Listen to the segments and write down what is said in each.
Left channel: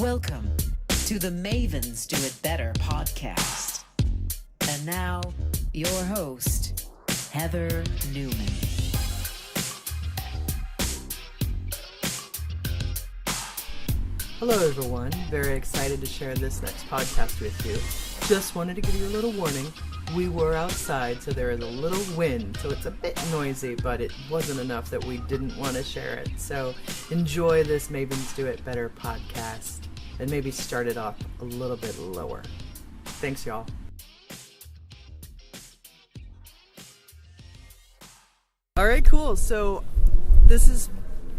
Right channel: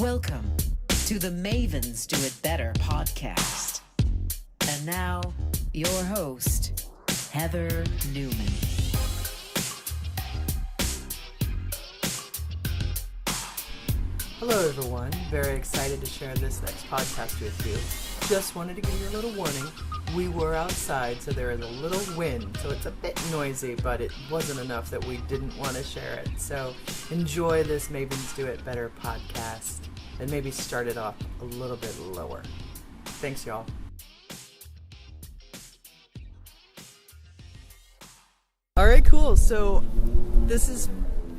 Welcome to the Mavens Do It Better podcast. And now, your host, Heather Newman. Hello everyone, very excited to share this next podcast with you. Just wanted to give you a little warning. We were outside, so there is a little wind, so it's a bit noisy, but it wasn't enough that we didn't want to share it. So enjoy this Mavens Do It Better podcast, and maybe start it off a little bit lower. Thanks, y'all. Alright, cool. So this is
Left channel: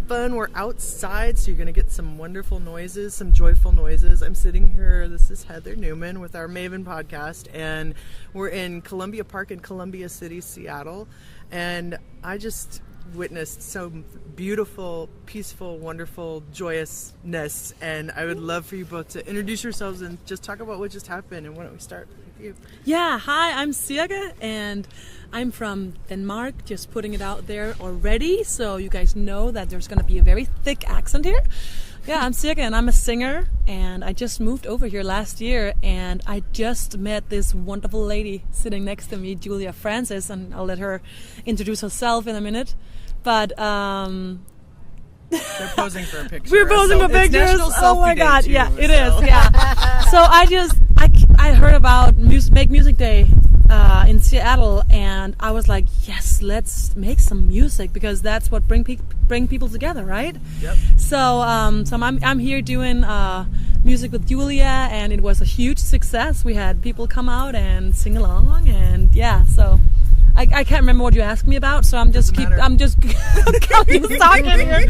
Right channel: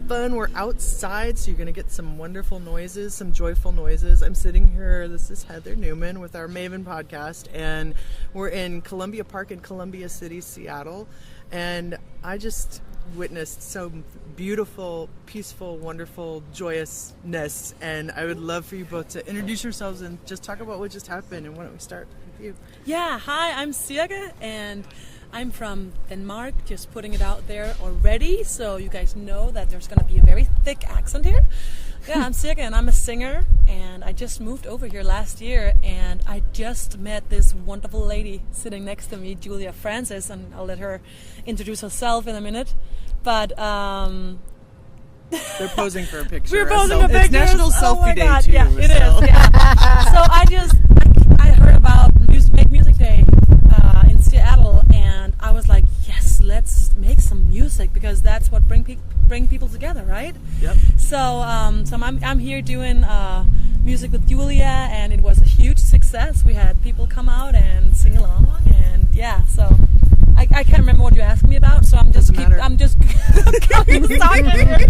fun. We're outside, so you're going to get some wonderful noises, some joyful noises. I'm sitting here. This is Heather Newman with our Maven podcast, and we're in Columbia Park in Columbia City, Seattle. And I just witnessed some beautiful, peaceful, wonderful joyousness. And I would love for you both to introduce yourselves and just talk about what just happened. And why don't we start with you? Yeah, hi, I'm Cirke, and I'm from Denmark, just putting it out there already, so you guys know that there's going to be a very thick accent here. Yeah, I'm Cirke, and I'm a singer, and I just moved over here last year, and I just met this wonderful lady sitting next to me, Julia Francis, and I'll let her introduce herself in a minute. But they're posing for a picture. We're posing for pictures. National Oh my Selfie God! Day too, Yeah, it so. is. Yeah. So I heard about Make Music Day in Seattle, and I was like, yes, let's make some music, because that's what bring people together, right? Yep. So I'm here doing music with Julia, and it was a huge success. We had people come out and sing along, and yeah, so I can't remember what you asked me about, so I'm just talking here.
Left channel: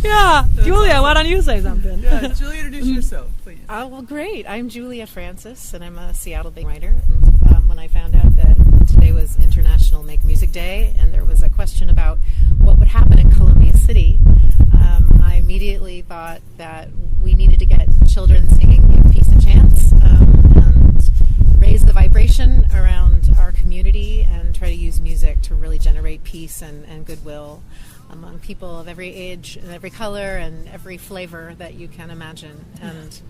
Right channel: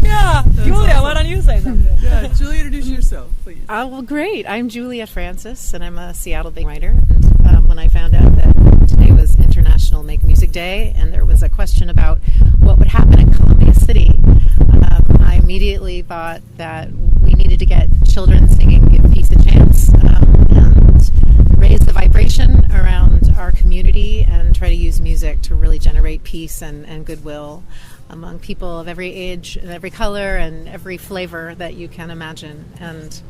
Yeah, Julia, why don't you say something? Yeah, Julia, introduce yourself, please. Well, great. I'm Julia Francis, and I'm a Seattle-based writer. And when I found out that today was International Make Music Day, and there was a question about what would happen in Columbia City, I immediately thought that we needed to get children singing Give Peace a Chance, and raise the vibration around our community, and try to use music to really generate peace and goodwill among people of every age and every color and every flavor that you can imagine. And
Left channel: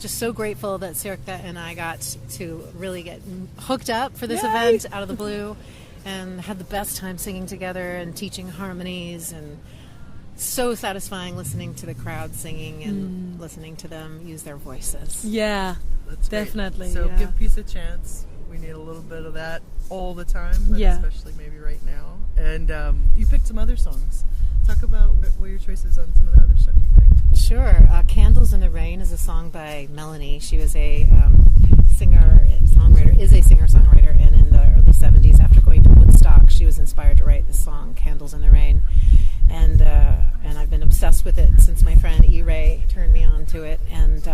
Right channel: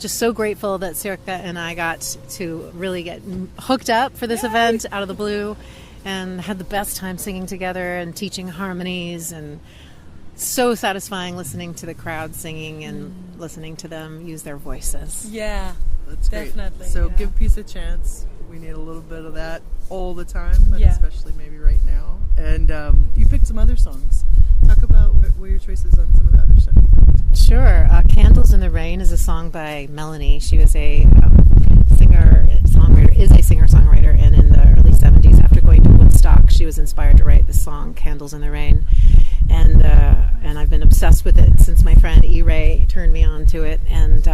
just so grateful that Cirke and I got to really get hooked up for this event out of the blue, and had the best time singing together and teaching harmonies, and so satisfying listening to the crowd singing and listening to them use their voices. Yeah, that's definitely. Great. So yeah. Give Peace a Chance. We need a little bit of that all the time, but especially maybe right now. And you picked some other songs. Talk about what your choices on some of the other stuff you picked. Sure. Candles in the Rain is a song by Melanie. She was a singer-songwriter, and in the early 70s, after going to Woodstock, she was inspired to write the song Candles in the Rain. And I've been obsessed with it since my friend E-Ray turned me on to it, and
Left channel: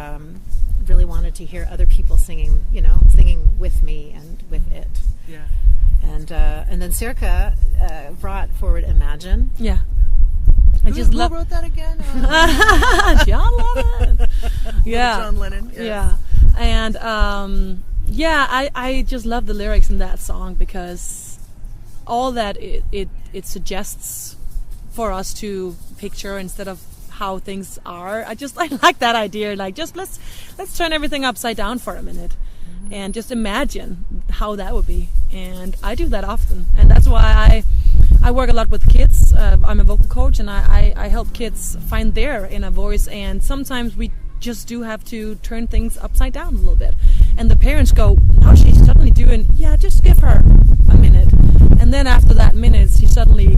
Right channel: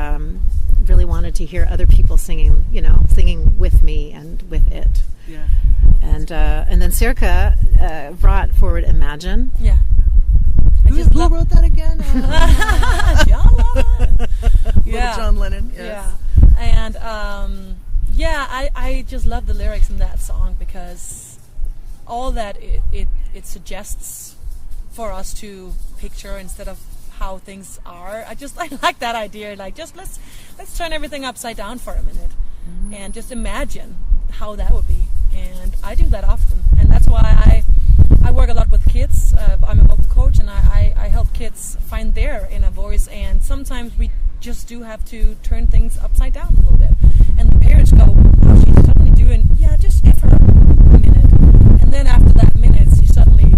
really wanted to hear other people singing with me and with it. Yeah. And then Cirke brought forward Imagine. Yeah. Who wrote that again? John Lennon. Yeah. John Lennon. Yes. Yeah. And I just love the lyrics in that song, because all that it suggests for us to picture instead of how things are. I like that idea. Like, just let's turn everything upside down for a minute, and just imagine how that would be. And I do that often, and that's why I work a lot with kids. I'm a vocal coach, and I help kids find their inner voice. And sometimes we just do have to turn things upside down a little bit. And the parents go, now she's suddenly doing, just give her a minute. And then after that minute, she suddenly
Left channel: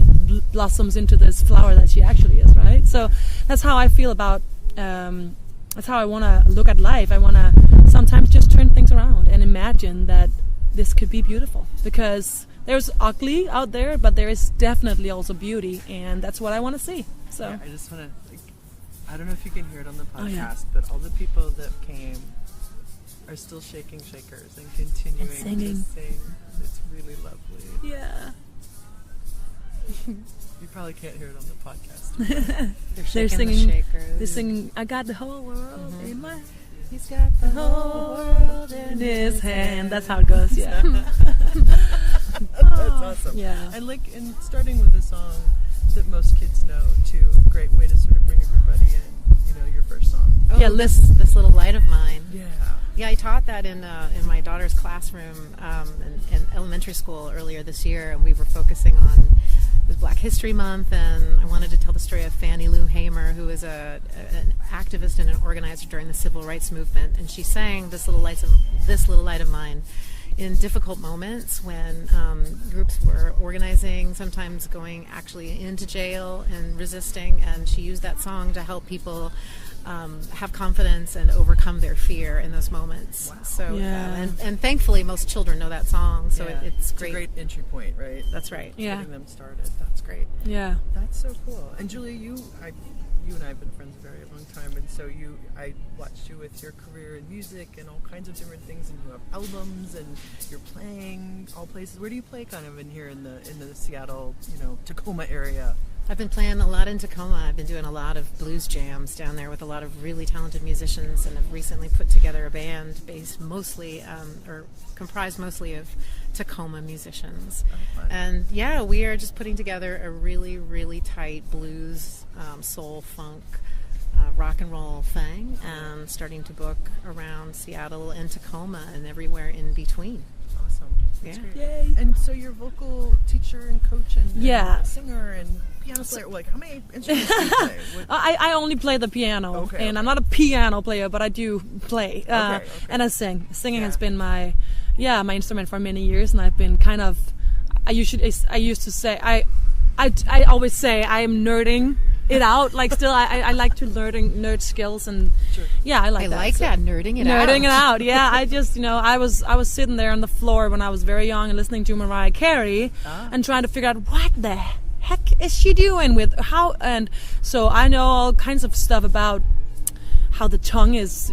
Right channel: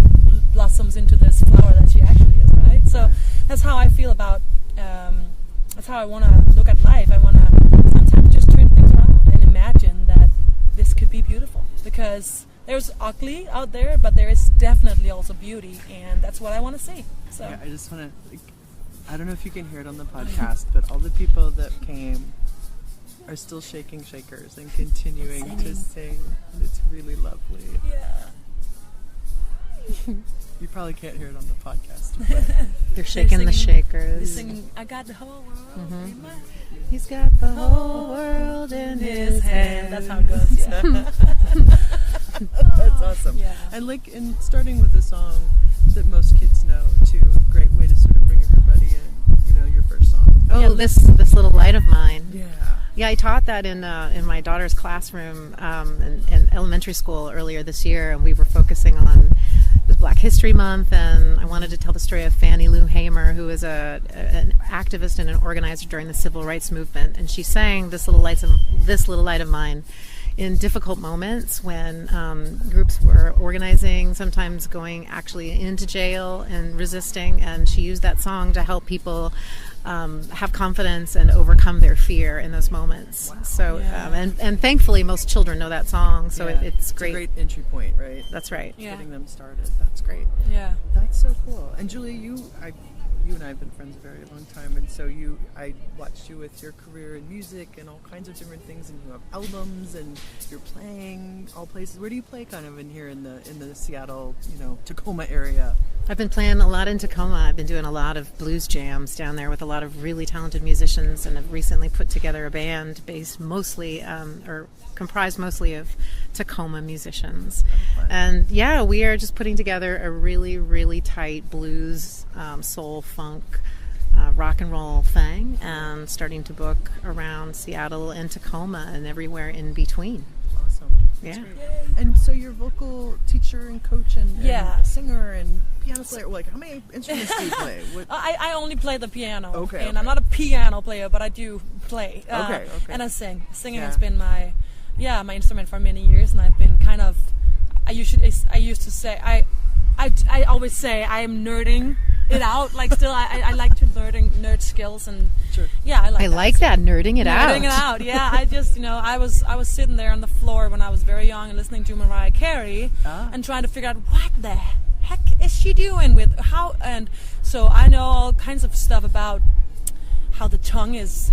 blossoms into this flower that she actually is, right? So that's how I feel about, that's how I want to look at life. I want to sometimes just turn things around and imagine that this could be beautiful. Because there's ugly out there, but there is definitely also beauty, and that's what I want to see. So yeah, I just want to, I don't know if you can hear it on the podcast, but all the people that came are still shaking shakers and continuing to sing. It's really lovely. Yeah. You probably can't hear it on the podcast. They're shaking the shakers. They're singing, I got the whole world in my hand. He's got the whole world in his hand. That's how it goes, yeah. That's awesome. Yeah. And in starting with a song that most kids know, too, a great way to sort of bring everybody in, your first song. Oh, Yeah, the this little light of mine. Yeah. Yeah, I taught that in my daughter's classroom in elementary school earlier this year, and we were focusing on it was Black History Month, and I wanted to tell the story of Fannie Lou Hamer, who was an activist and an organizer during the Civil Rights Movement, and she sang this little light of mine in difficult moments when groups were organizing, sometimes going actually into jail and resisting, and she used that song to help people have confidence and overcome their fear in those moments. Wow. So, Yeah. and thankfully most children know that song, so Yeah. it's great. a great entry point, right? That's right. Yeah. Getting them started. That's great. Yeah. That's so cool. And Julia, you and I have been friends a very long time, and so I watched you with your career in music and all kinds of different things, and you have albums, and you're playing all places. Where do you play kind of in here in the Seattle, Tacoma area? I've been playing a lot in Tacoma. I've been doing a lot of blues jams down there with a lot of really talented musicians, and have recently put together a band based mostly, or comprised mostly of Tacoma musicians. Oh, fun. And yeah, we are just putting together a really, really tight blues, soul, funk, rock and roll thing, and starting to book around Seattle and Tacoma and everywhere in between. Awesome. Yeah. Yay. And so you're a vocal teacher and coach and Yeah. singer and piano player. Like, how many instruments do you play? I only play the piano, Okay, and I'm not a piano player, but I do play. Okay. And I sing. Singing Yeah. has been my instrument for many years, and I've been kind of. I used to say I always say I am nerding it out. Like still, I like to nerd skills, and Sure. yeah, I like I that. like that, nerding it out. Nerding it out, yeah. I just, I was sitting there on the floor when I was very young and listening to Mariah Carey and trying to figure out what the heck is she doing with how, and so I know all kinds of stuff about how the tongue is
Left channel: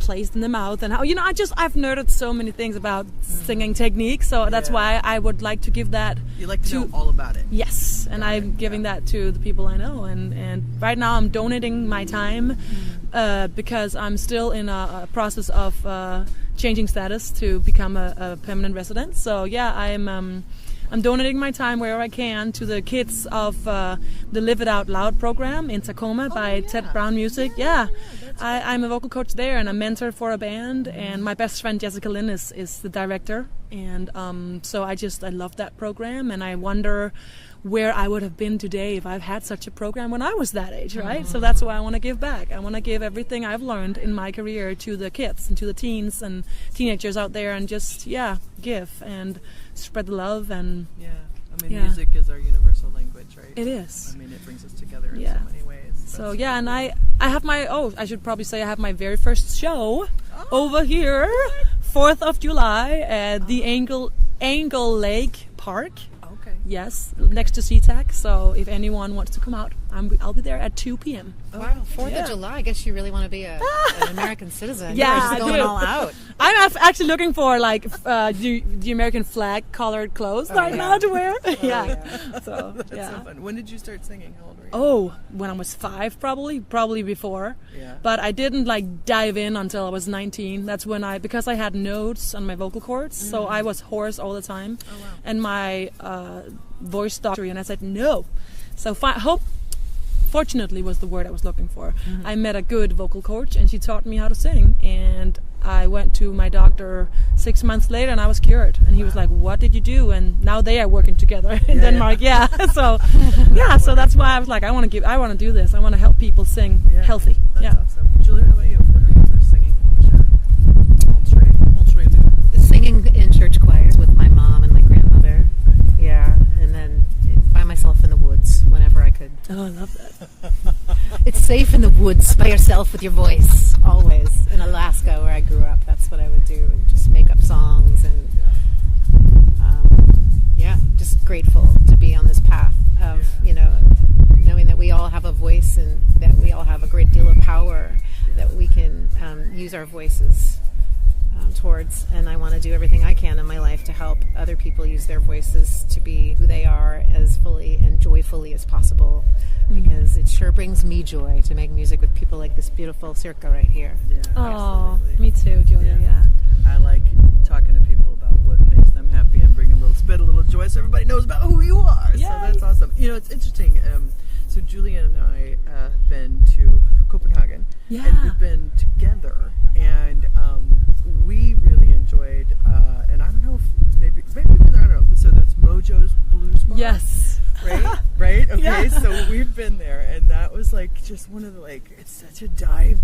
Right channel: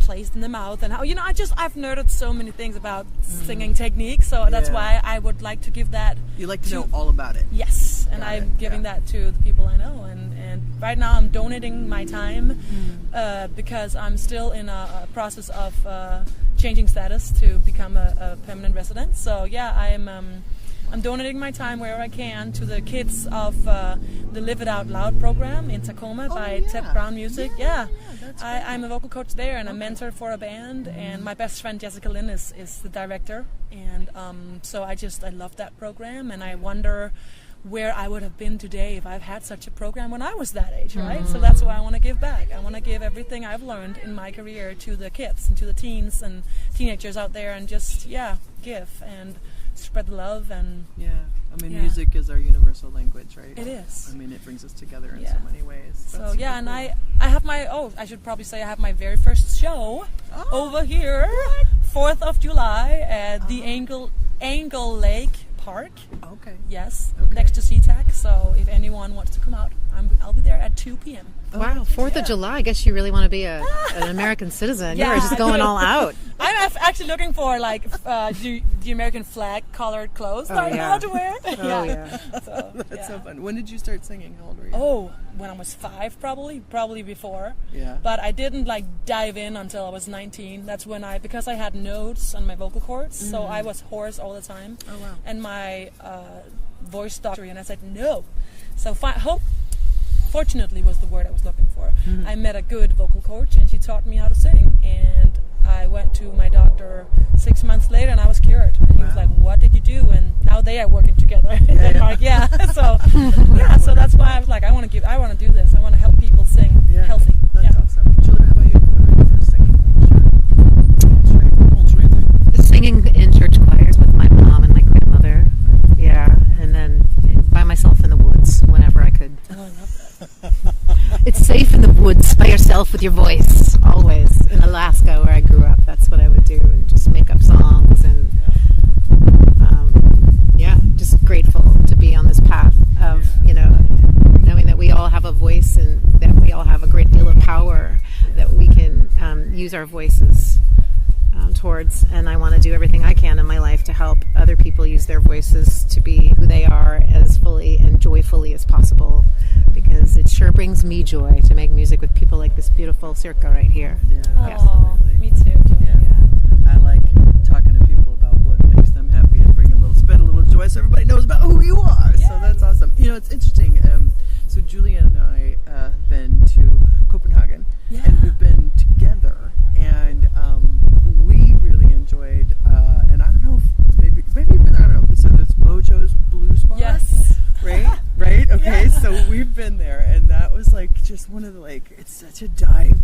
placed in the mouth and how, I've nerded so many things about singing technique, so that's Yeah. why I would like to give that. You like to know all about it. Yes, and Got I'm it, giving yeah. that to the people I know, and right now I'm donating my time because I'm still in a process of changing status to become a permanent resident. So yeah, I'm donating my time wherever I can to the kids of the Live It Out Loud program in Tacoma by Ted yeah. Brown Music. Yeah, I'm a vocal coach there and a mentor for a band, and my best friend Jessica Lynn is the director, and so I love that program, and I wonder where I would have been today if I've had such a program when I was that age, right? So that's why I want to give back. I want to give everything I've learned in my career to the kids and to the teens and teenagers out there, and just give and spread the love. And Yeah. I mean, Yeah. music is our universal language, right? it is. I mean, it brings us together in Yeah. so many ways. So That's yeah, so and cool. I have I should probably say I have my very first show over here, 4th of July at the Angle Lake Park. Okay. Yes, next to SeaTac. So if anyone wants to come out, I'll be there at 2 p.m. Wow, 4th of July. I guess you really want to be an American citizen. Yeah, You're just I going do. all out. I'm actually looking for the American flag colored clothes right now to wear. So That's yeah. so fun. When did you start singing? How old were you? Oh, when I was 5, probably before. Yeah. But I didn't dive in until I was 19. That's when because I had nodes on my vocal cords, so I was hoarse all the time. Oh, wow. And my voice doctor, and I said no. So fortunately was the word I was looking for. I met a good vocal coach, and she taught me how to sing, and I went to my doctor 6 months later, and I was cured. And he was like, "What did you do?" And now they are working together in Denmark. Yeah. So so that's why I was like, I want to do this. I want to help people sing healthy. That's yeah. awesome. Julia, how about you? When were you first singing? Singing in church choirs with my mom and my grandmother. Yeah, and then by myself in the woods whenever I could. Oh, I love that. It's safe in the woods by yourself with your voice, always. In Alaska, where I grew up, that's what I would do, and just make up songs, and just grateful to be on this path of, knowing that we all have a voice and that we all have a great deal of power that we can use our voices towards, and I want to do everything I can in my life to help other people use their voices to be who they are as fully and joyfully as possible, because it sure brings me joy to make music with people like this beautiful Cirke right here. Yeah. Oh, absolutely. me too, Julia. Yeah. I like talking to people about what makes them happy and bring a little joy so everybody knows about who you are. Yay. So that's awesome. It's interesting. So Julia and I have been to Copenhagen, Yeah. and we've been we've been there, and that was like just one of the it's such a dive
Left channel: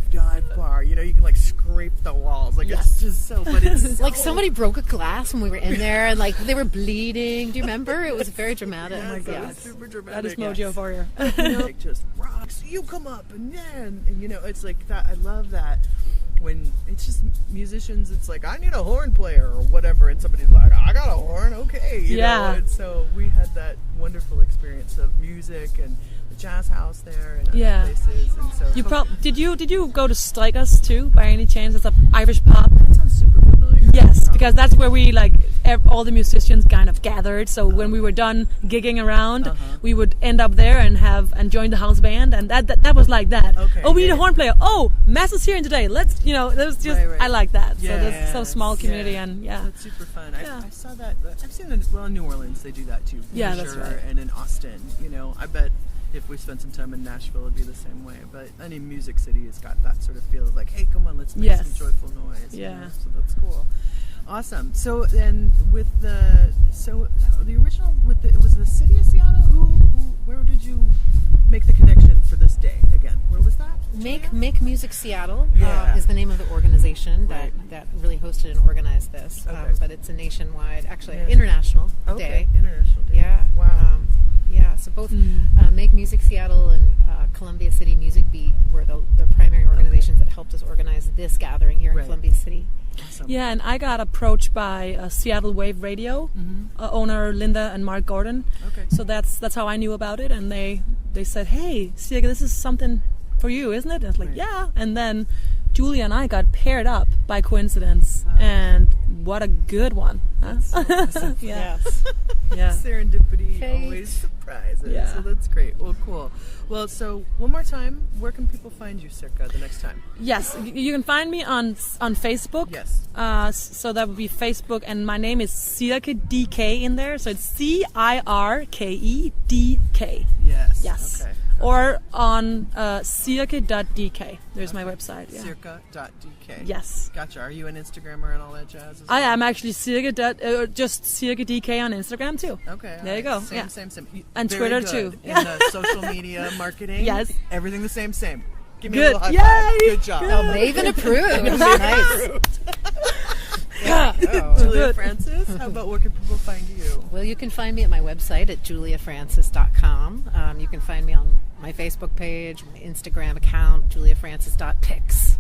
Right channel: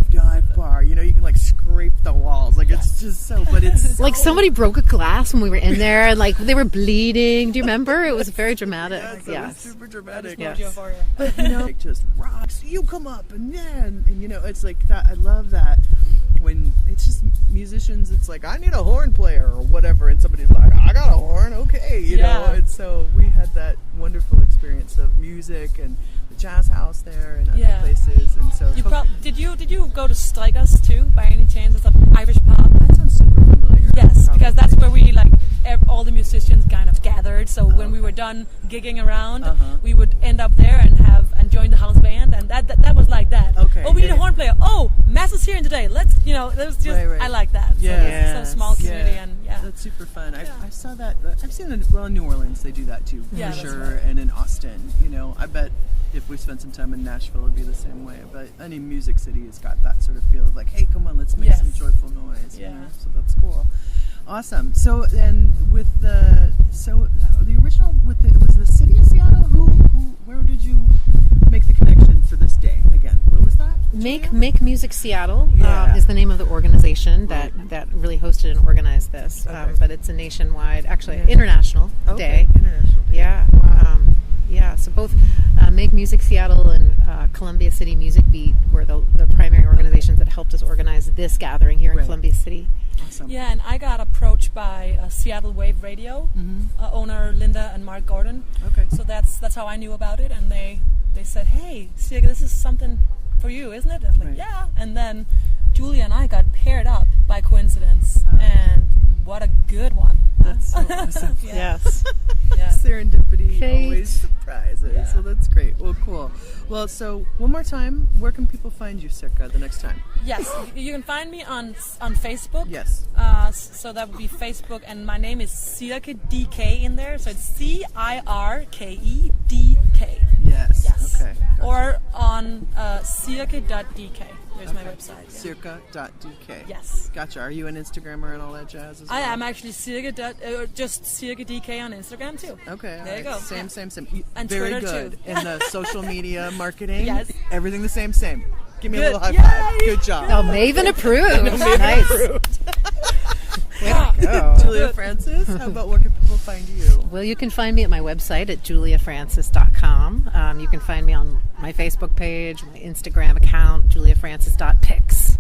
bar. You know, you can like scrape the walls. Like it's just so, but it's like somebody broke a glass when we were in there, and like they were bleeding. Do you remember? It was very dramatic. Yes, super dramatic. That is mojo for you. You know, like just rocks. You come up, and then, and you know, it's like that. I love that. When it's just musicians, it's like, I need a horn player or whatever, and somebody's like, I got a horn, okay, you know. And so we had that wonderful experience of music and the jazz house there and other places. And so did you go to Strikers too by any chance? It's an Irish pub. That sounds super familiar. Yes, because that's where we all the musicians kind of gathered. So when we were done gigging around, we would end up there and join the house band, and that was like that. Okay. Oh, we need a horn player. Oh, Mass is here today. Let's, that was just I like that. So this so small community and that's super fun. I saw that. I've seen it in New Orleans. They do that too. Yeah, for that's sure. right. And in Austin, you know, I bet if we spent some time in Nashville, it'd be the same way. But any music city has got that sort of feel of like, hey, come on, let's make some joyful noise. Yeah. You know? So that's cool. Awesome. So then with the original it was the city of Seattle. Where did you make the connection for this day again? Where was that? Make Music Seattle is the name of the organization that really hosted and organized this. But it's a nationwide, actually international day. International day. Yeah. Wow. So both Make Music Seattle and Columbia City Music Beat were the primary organizations that helped us organize this gathering here in Columbia City. Awesome. Yeah, and I got approached by Seattle Wave Radio owner Linda and Mark Gordon. Okay. So that's how I knew about it, and they said, "Hey, Cirke, this is something for you, isn't it?" I was like, "Yeah." And then Julia and I got paired up by coincidence, and what a good one! That's so awesome. Yes. Yeah. Serendipity Fate. always surprises. Yeah. So that's great. Well, cool. Well, so one more time, where can people find you, Cirke, the next time? Yes, you can find me on Facebook. Yes. So that would be Facebook, and my name is Cirke DK in there. So it's CIRKEDK. Yes. Yes. Okay. Or on cirke.dk. There's my website. Yeah. Cirke.dk. Yes. Gotcha. Are you an Instagrammer and all that jazz as well? I am actually just Cirke DK on Instagram too. Okay. There you go. Same. And Very Twitter good. too. In the social media marketing. Yes. Everything the same. Give me a Good. little high Yay! five. Good job. Oh, Maven approved. Nice. Yeah. Julia Francis, how about where can people find you? Well, you can find me at my website at juliafrancis.com. You can find me on my Facebook page, my Instagram account, juliafrancis.pics.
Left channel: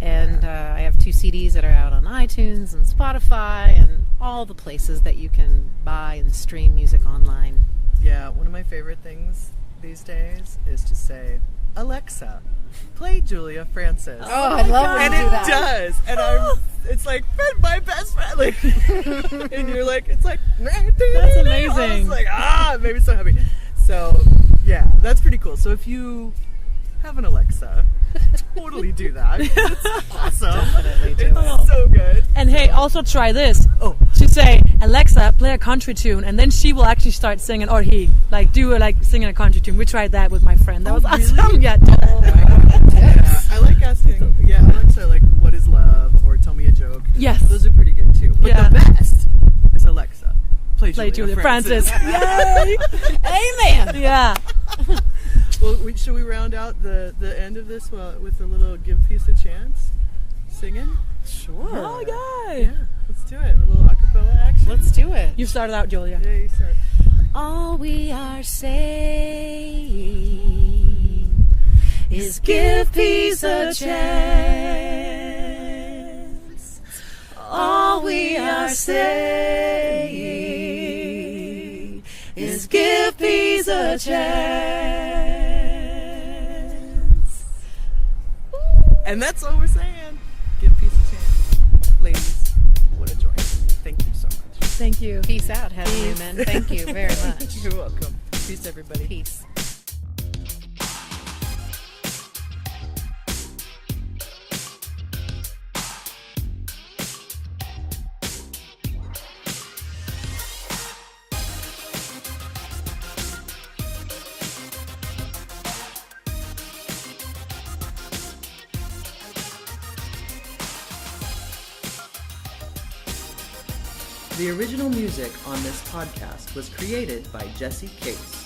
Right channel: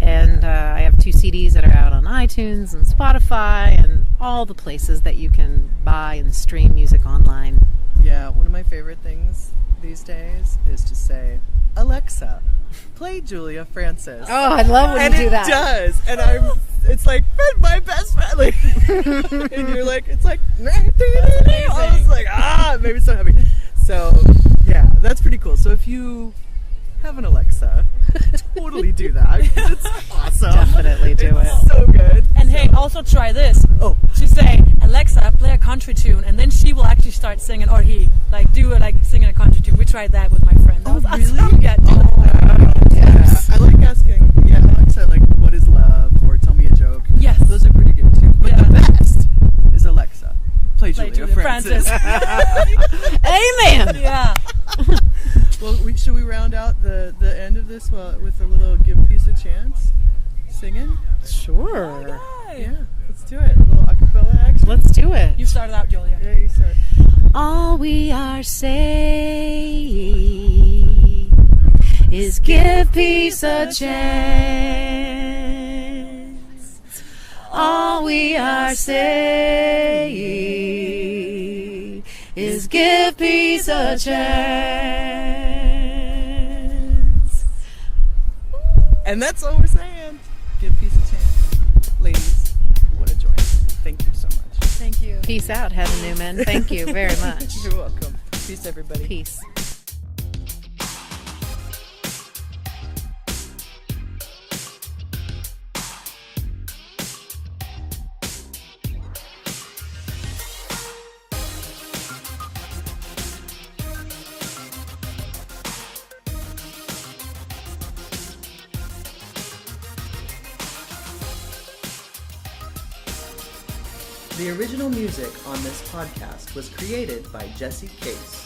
And I have 2 CDs that are out on iTunes and Spotify and all the places that you can buy and stream music online. Yeah, one of my favorite things these days is to say, Alexa, play Julia Francis. Oh, I love when you do that. And it does. And it's like, my best friend. Like, and you're like, it's like, That's amazing. I was like, maybe so happy. So, yeah, that's pretty cool. So if you have an Alexa, totally do that. It's awesome. Definitely do It's it. so good. And hey, also try this. Oh. She say, Alexa, play a country tune, and then she will actually start singing, or he singing a country tune. We tried that with my friend. That was awesome. Really? Yeah, do that. Yeah, I like asking, Alexa, like, what is love? Or tell me a joke. Yes. Those are pretty good too. But Yeah. the best is Alexa, play Play Julia Julia Francis. Yay! Amen. Yeah. Well, should we round out the end of this with a little Give Peace a Chance? Singing? Sure. Okay. Yeah, let's do it. A little acapella action. Let's do it. You started out, Julia. Yeah, you start. All we are saying is give peace a chance. All we are saying is give peace a chance. And that's all we're saying. Give peace a chance. Ladies, what a joy. Thank you so much. Thank you. Peace out, Heather Newman. Thank you very much. You're welcome. Peace, everybody. Peace. The original music on this podcast was created by Jesse Case.